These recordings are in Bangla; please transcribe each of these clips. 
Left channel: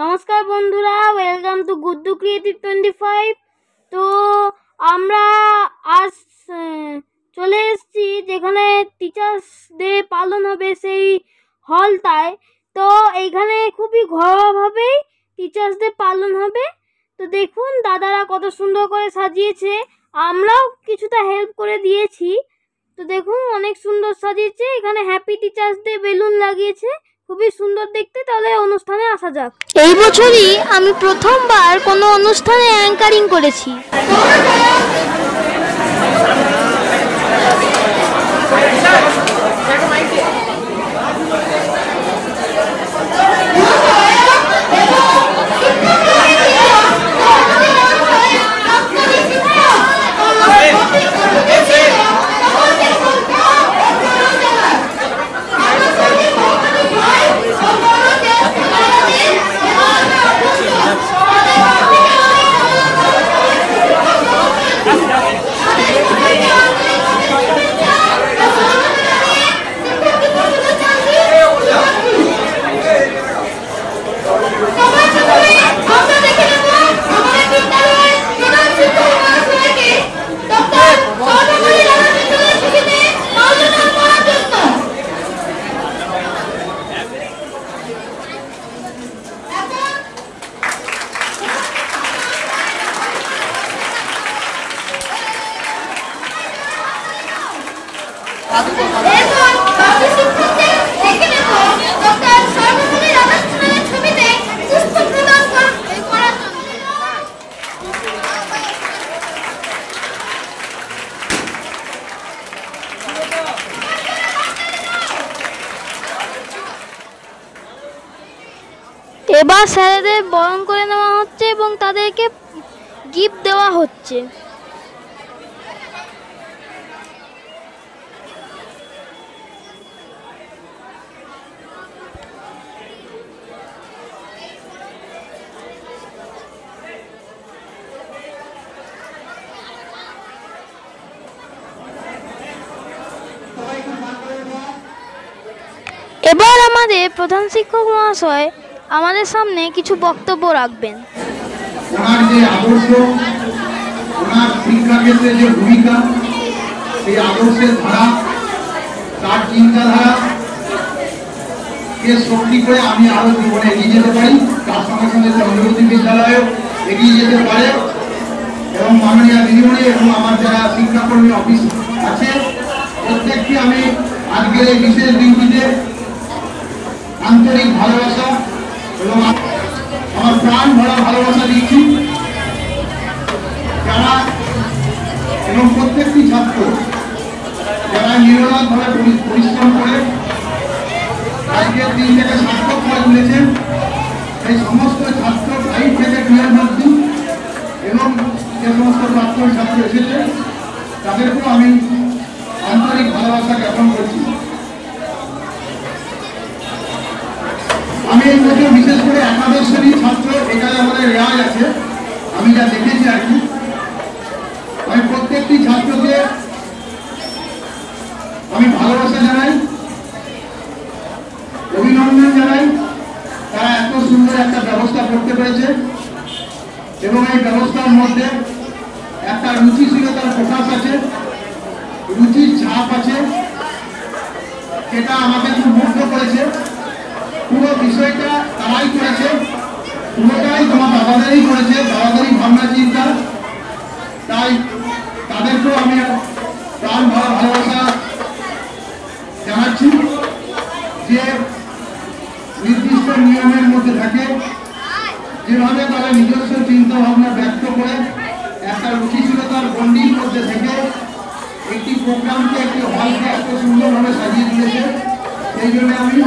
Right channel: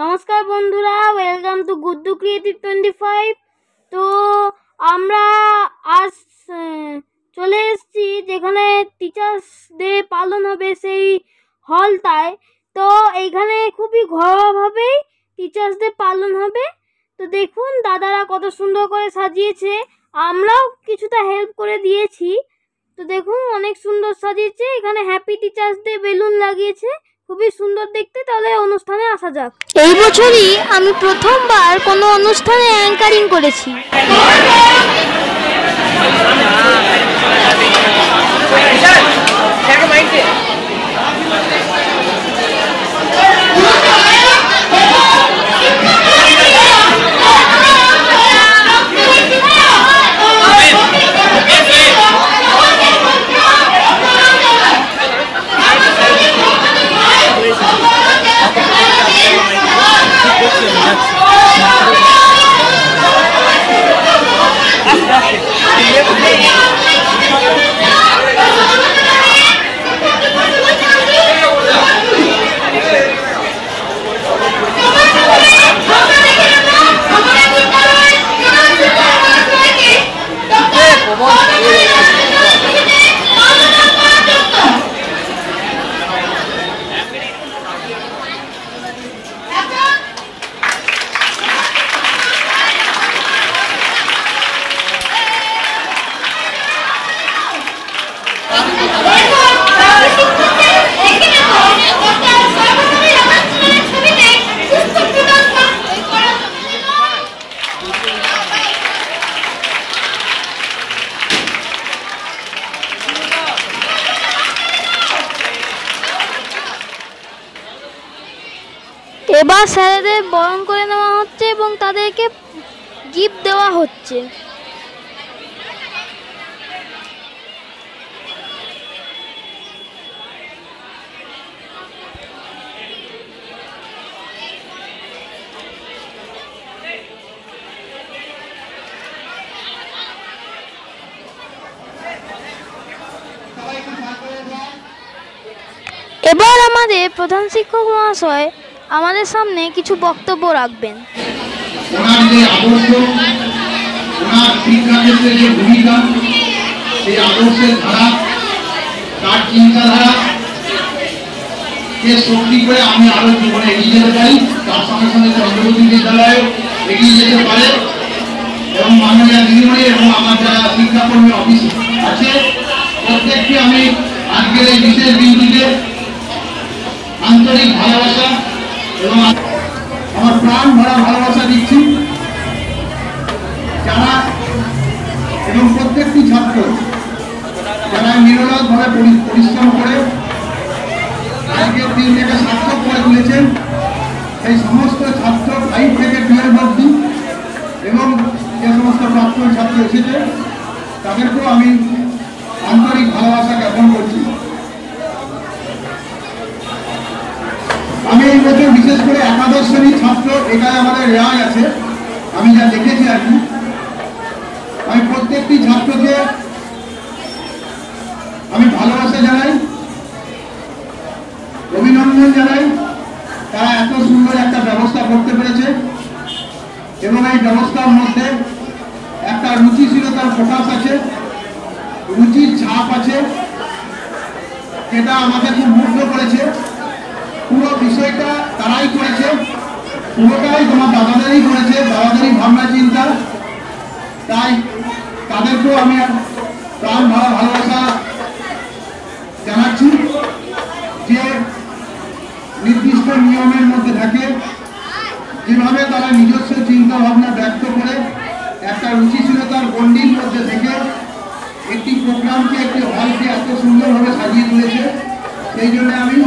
নমস্কার বন্ধুরা, ওয়েলকাম টু গুড্ডু ক্রিয়েটিভ 25। তো আমরা আজ চলে এসেছি যেখানে টিচার্স ডে পালন হবে সেই হলটায়। তো এইখানে খুবই ঘরোয়াভাবেই টিচার্স ডে পালন হবে। তো দেখুন দাদারা কত সুন্দর করে সাজিয়েছে, আমরাও কিছুটা হেল্প করে দিয়েছি। তো দেখুন অনেক সুন্দর সাজিয়েছে, এখানে হ্যাপি টিচার্স ডে বেলুন লাগিয়েছে, খুবই সুন্দর দেখতে। তাহলে অনুষ্ঠানে আসা যাক। এই বছরই আমি প্রথমবার কোনো অনুষ্ঠানে অ্যাঙ্কারিং করেছি। এবার স্যারেদের বরণ করে নেওয়া হচ্ছে এবং তাদেরকে গিফট দেওয়া হচ্ছে। এবার আমাদের প্রধান শিক্ষক মহাশয় আমাদের সামনে কিছু বক্তব্য রাখবেন। ওনার যে আদর্শ, ওনার শিক্ষা ক্ষেত্রে যে ভূমিকা, সেই আদর্শের ধারা, তার চিন্তাধারা কে শক্তি করে আমি আরো জীবনে এগিয়ে যেতে পারি, তার সঙ্গে সঙ্গে চন্দ্রবতী বিদ্যালয়ে এগিয়ে যেতে পারে। এবং মাননীয় দিদিমণি এবং আমার যারা শিক্ষাকর্মী অফিস আছে প্রত্যেককে আমি আজকের এই বিশেষ দিনটিতে আন্তরিক ভালোবাসা এবং আমার প্রাণ ভরা ভালোবাসা দিচ্ছি। যারা এবং প্রত্যেকটি ছাত্র যারা নিরলসভাবে পরিশ্রম করে আজকের দিনটাকে সার্থক করে তুলেছেন, এই সমস্ত ছাত্র 5 থেকে 12 অবধি এবং যে সমস্ত প্রাক্তন ছাত্র এসেছে তাদেরকেও আমি আন্তরিক ভালোবাসা জ্ঞাপন করছি। আমি এই বছর বিশেষ করে একাদশ শ্রেণীর ছাত্র, এখানে আমাদের রেওয়াজ আছে, আমি যা দেখেছি আর কি, আমি প্রত্যেকটি ছাত্রকে আমি ভালোবাসা জানাই, অভিনন্দন জানাই। তারা এত সুন্দর একটা ব্যবস্থা করতে পেরেছে এবং এই ব্যবস্থার মধ্যে একটা রুচিশীলতার প্রকাশ আছে, রুচির ছাপ আছে, যেটা আমাকে খুব মুগ্ধ করেছে। পুরো বিষয়টা তারাই করেছে, পুরোটাই তোমার দাদাদেরই করেছে, দাদাদেরই ভাবনা চিন্তা। তাই তাদেরকেও আমি প্রাণ ভরা ভালোবাসা জানাচ্ছি যে নির্দিষ্ট নিয়মের মধ্যে থাকে, যেভাবে তারা নিজস্ব চিন্তা ভাবনা ব্যক্ত করে একটা রুচিশীলতার গণ্ডির মধ্যে থেকে একটি প্রোগ্রামকে, একটি হলকে এত সুন্দরভাবে সাজিয়ে তুলেছে। সেই জন্য আমি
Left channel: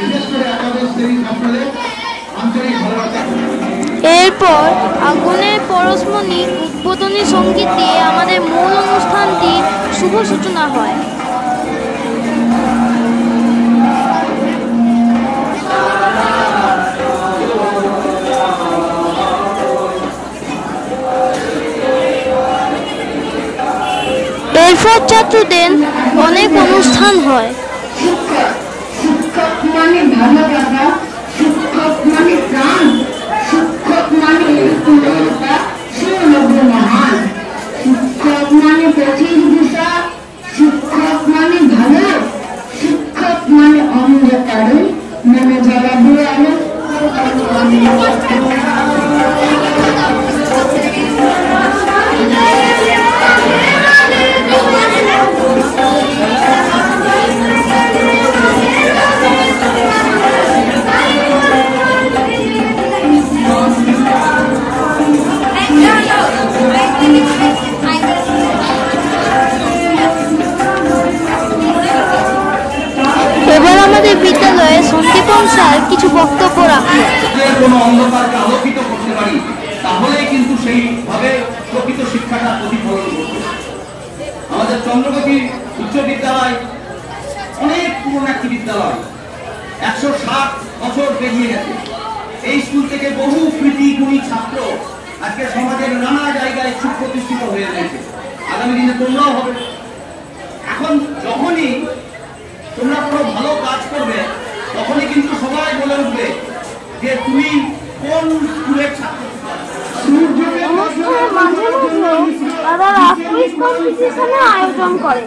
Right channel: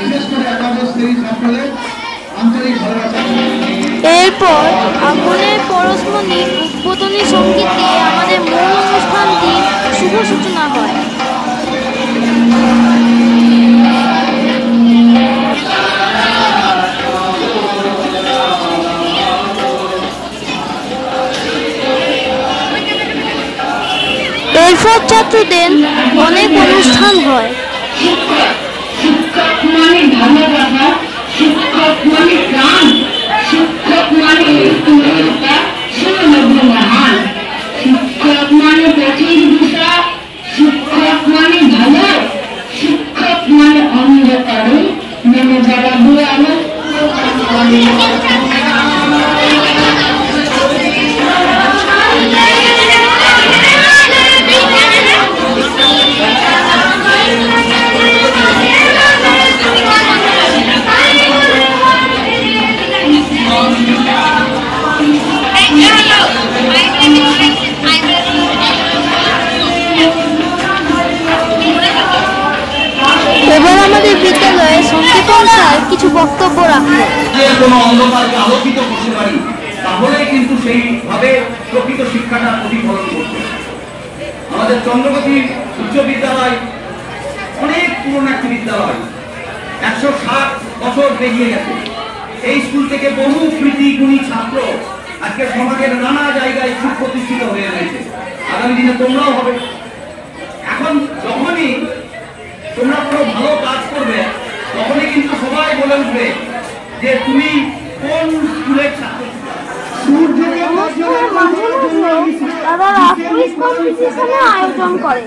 বিশেষ করে একাদশ শ্রেণীর ছাত্রদের আন্তরিক ভালোবাসা। এরপর আগুনের পরশমণি উদ্বোধনী সঙ্গীত দিয়ে আমাদের মূল অনুষ্ঠানটির শুভ সূচনা হয়। এরপর ছাত্রদের অনেক অনুষ্ঠান হয়। শিক্ষক মানে ভালোবাসা, শিক্ষক মানে প্রাণ। এবার আমাদের বিদ্যালয়ে সন্দীপন স্যার কিছু বক্তব্য রাখবেন। যে কোনো অন্ধকারকে আলোকিত করতে পারি, তাহলেই কিন্তু সেইভাবে প্রকৃত শিক্ষাটা প্রতিফলন করবে। আমাদের চন্দ্রবতী উচ্চ বিদ্যালয় অনেক পুরনো একটি বিদ্যালয়, 160 বছর পেরিয়ে গেছে। এই স্কুল থেকে বহু কৃতি গুণী ছাত্র আজকে সমাজের নানা জায়গায় সুপ্রতিষ্ঠিত হয়ে রয়েছে। আগামী দিনে তোমরাও হবে। এখন যখনই তোমরা কোনো ভালো কাজ করবে, তখনই কিন্তু সবাই বলে উঠবে যে তুমি কোন স্কুলের ছাত্র। অনুষ্ঠানের মাঝে মাঝে তারা কুইজ কম্পিটিশনের আয়োজন করে।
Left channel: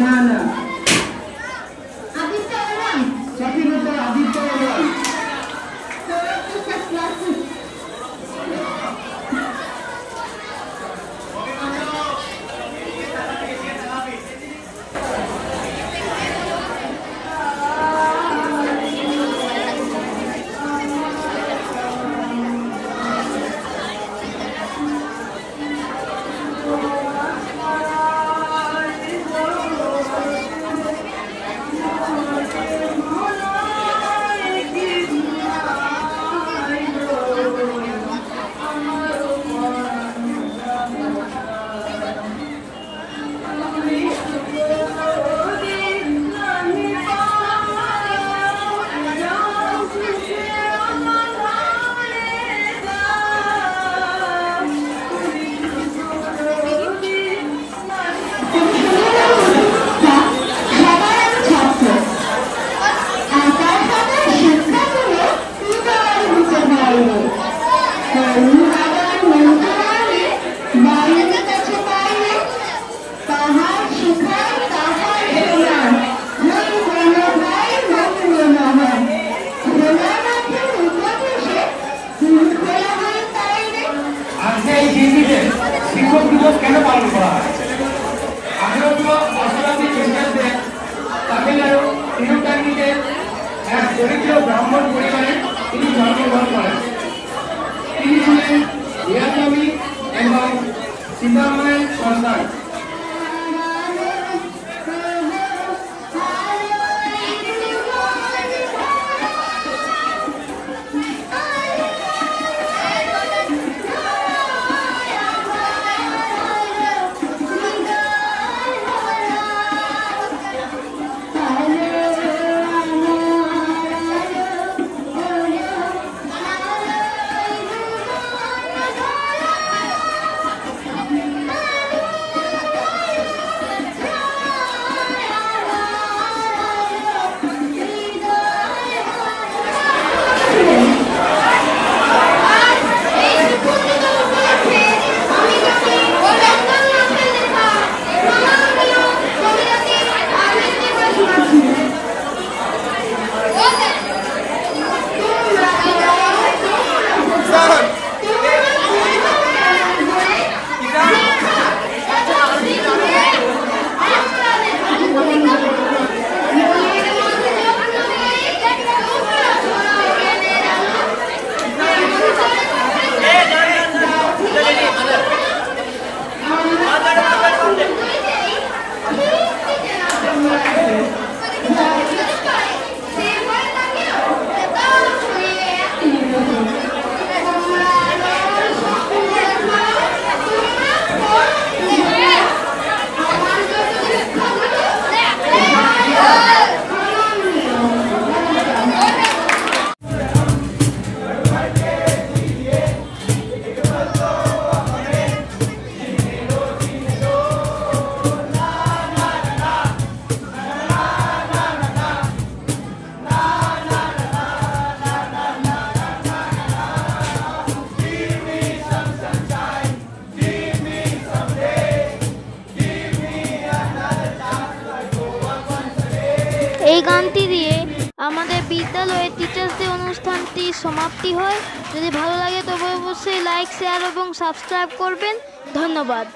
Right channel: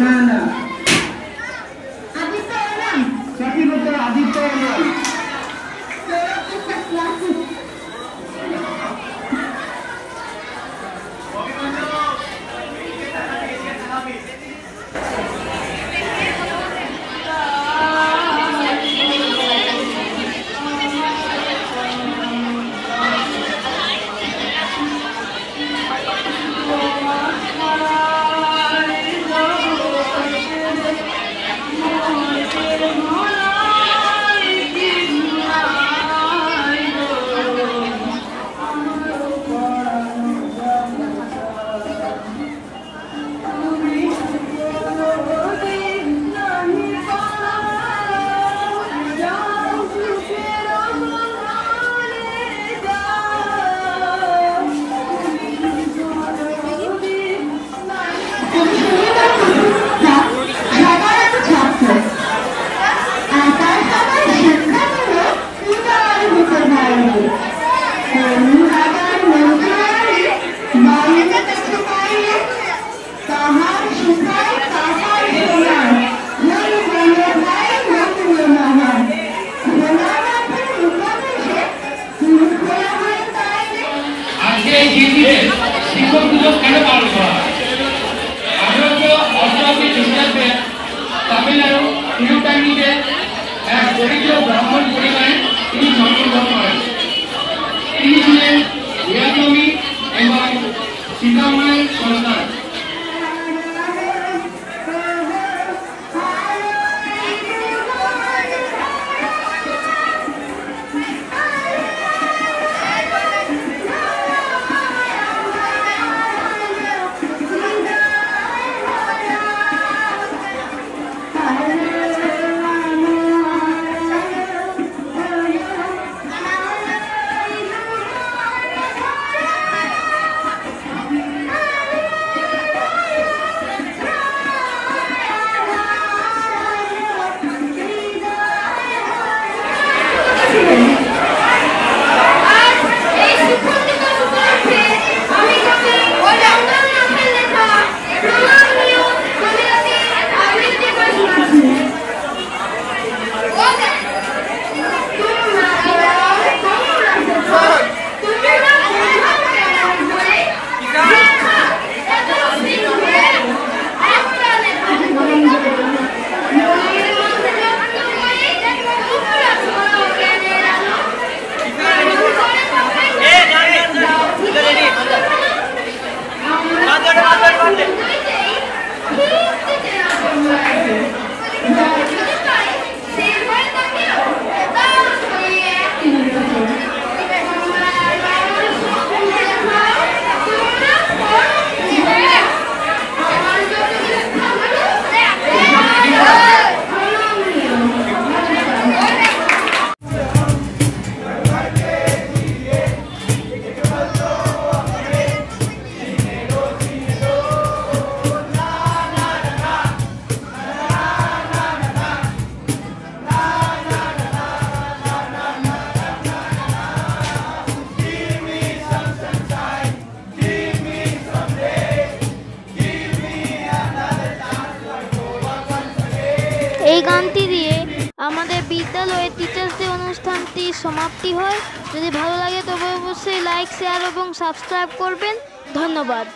না না চাকরির উপর আদিত্য শিক্ষক দিবস কেন পালন করা হয়? 1888 খ্রিস্টাব্দে তামিলনাড়ু তিরুকান্নিতে এক দরিদ্র ব্রাহ্মণ পরিবারে তিনি জন্মগ্রহণ করেন। তিনি ছিলেন বীরাঙ্গমী এবং সীতারামের সন্তান। এই গানটি দিয়ে আমাদের বিদ্যালয়ের টিচার্স ডে অনুষ্ঠানটি সমাপ্তি হয়। যদি ভালো লাগে তবে অবশ্যই লাইক, শেয়ার এবং সাবস্ক্রাইব করবেন। ধন্যবাদ।